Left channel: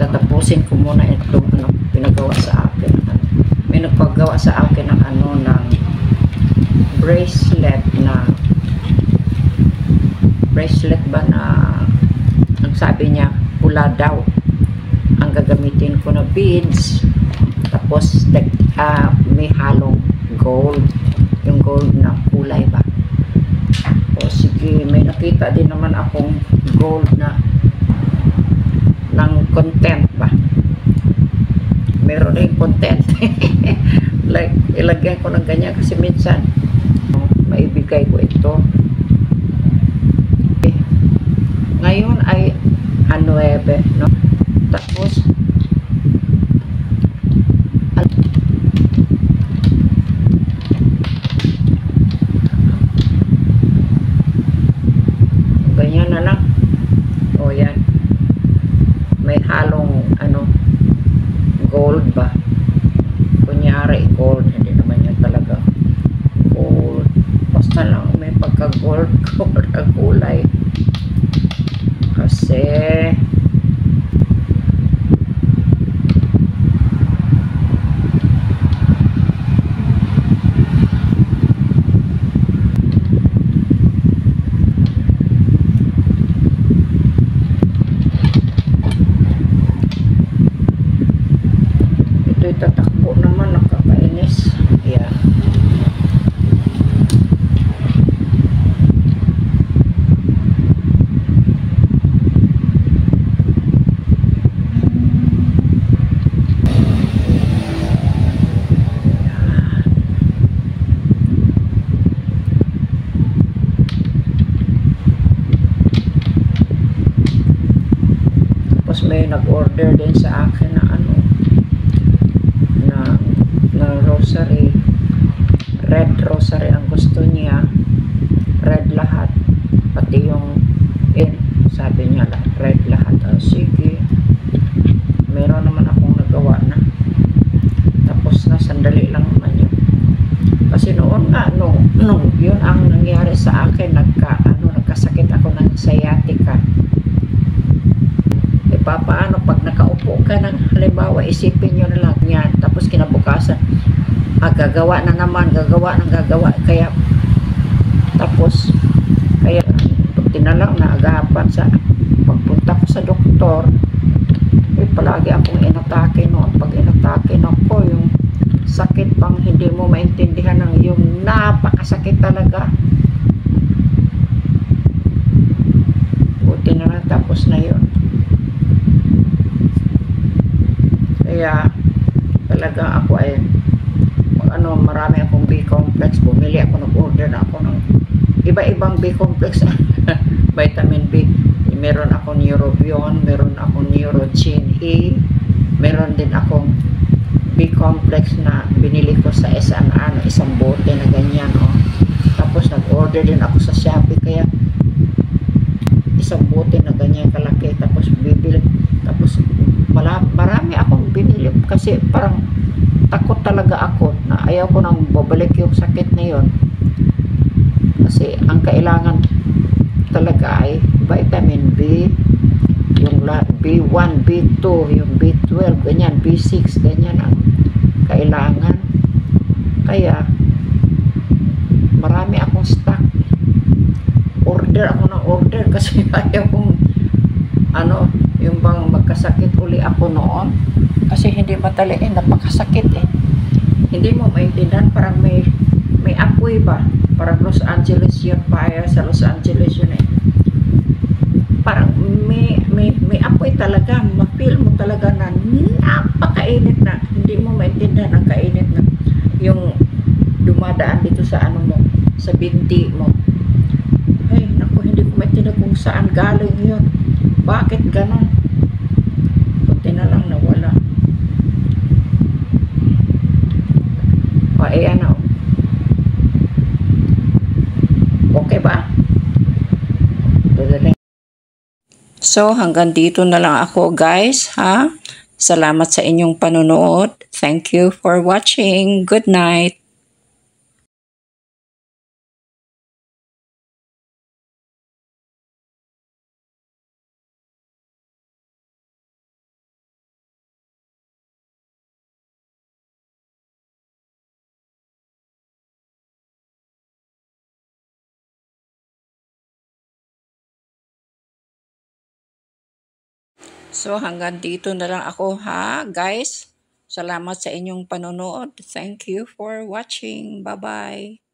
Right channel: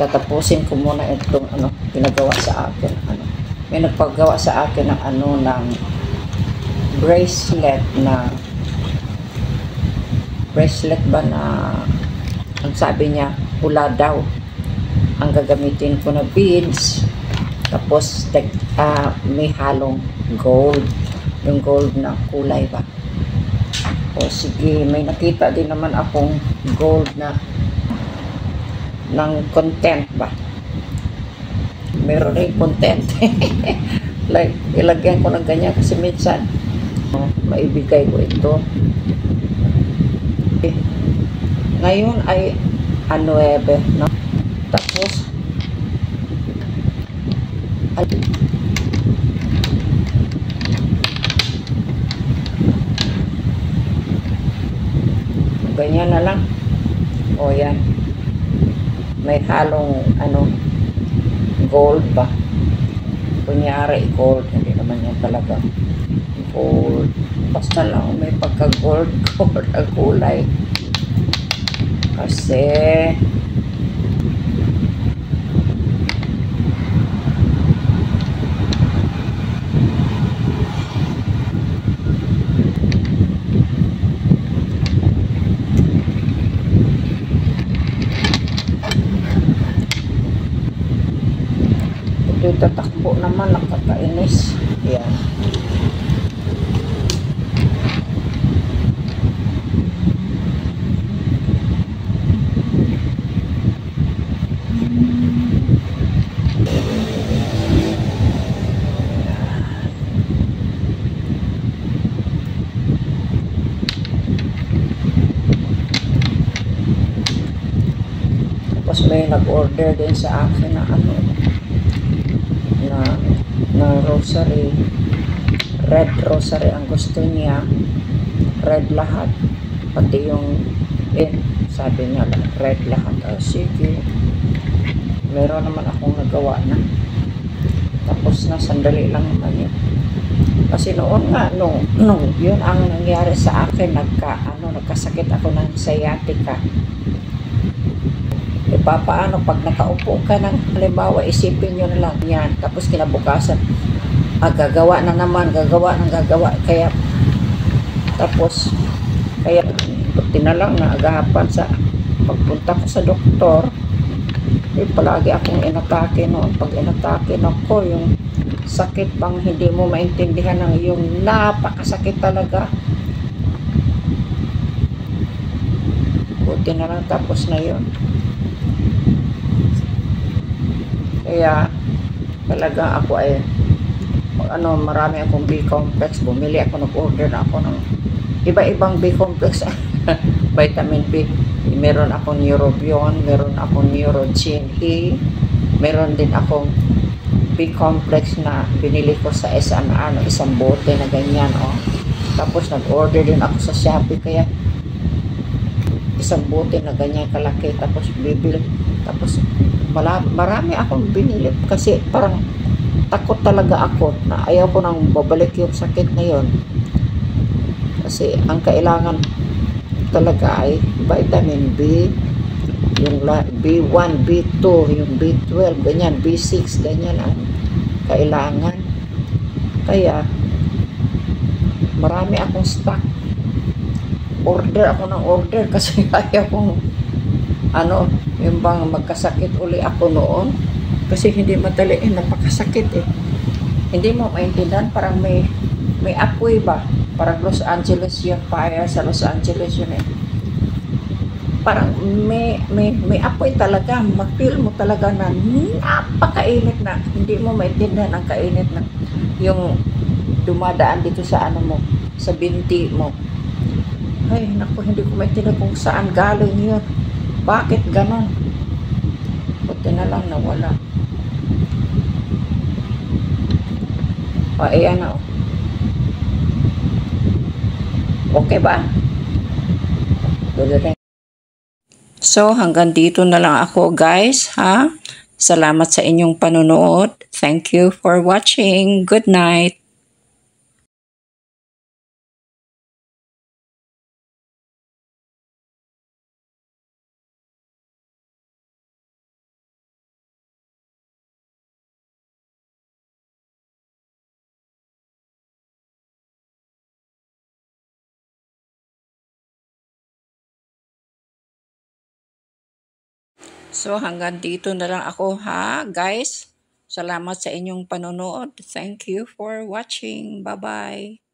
tatapusin ko muna itong ano, pinagawa sa akin. Ano. May nagpagawa sa akin ng ano, ng bracelet ba na ang sabi niya pula daw ang gagamitin ko na beads, tapos may halong gold, yung gold na kulay ba. O sige, may nakita din naman akong gold na ng content ba, meron rin content like ilagyan ko ng ganyan kasi minsan maibigay ko ito. Ngayon ay 9, no? Tapos ganyan na lang. O yan, may halong ano, gold ba, kunyari gold, hindi naman yan talaga gold, basta lang may pagka gold ang kulay kasi ito'y tatakbo naman, nakakainis. Yan. Tapos may nag-order din sa akin na ano, na rosary, red rosary ang gusto niya, red lahat, pati yung sabi niya lang red lahat. Sige, meron naman akong nagawa na, tapos na, sandali lang naman yun. Kasi noon nga, yun ang nangyari sa akin, nagkasakit ako ng sciatica. Paano pag nakaupo ka ng halimbawa, isipin nyo na lang yan, tapos kinabukasan gagawa na naman, gagawa, kaya tapos buti na lang na agapan sa pagpunta ko sa doktor. Palagi akong inatake noon. Pag inatake ako, yung sakit pang hindi mo maintindihan, ng yung napakasakit talaga. Buti na lang tapos na yun. Kaya talaga ako ay marami akong B-complex. Bumili ako, nag-order na ako ng iba-ibang B-complex vitamin B. Meron akong Neurobion, meron akong Neurogen E, meron din akong B-complex na binili ko sa SNR na isang bote na ganyan. Tapos nag-order din ako sa Shopee, kaya isang bote na ganyan kalaki, tapos bibili. Tapos marami akong binili kasi parang takot talaga ako na ayaw ko nang babalik yung sakit na yun, kasi ang kailangan talaga ay vitamin B, yung B1, B2, yung B12, ganyan, B6, ganyan ang kailangan. Kaya marami akong stock, order ako ng order kasi ayaw kong yung bang magkasakit uli ako noon, kasi hindi mataliin, napakasakit hindi mo maintindihan, parang may apoy ba, parang Los Angeles yung fire sa Los Angeles yun parang may apoy talaga, ma-feel mo talaga na napakainit na, hindi mo maintindihan ang kainit na yung dumadaan dito sa mo, sa binti mo. Ay naku, hindi ko maintindihan kung saan galing yun, bakit ganon. Buti na lang nawala. Ayan na. Okay ba? So hanggang dito na lang ako, guys, ha? Salamat sa inyong panonood. Thank you for watching. Good night. So hanggang dito na lang ako ha, guys. Salamat sa inyong panonood. Thank you for watching. Bye-bye.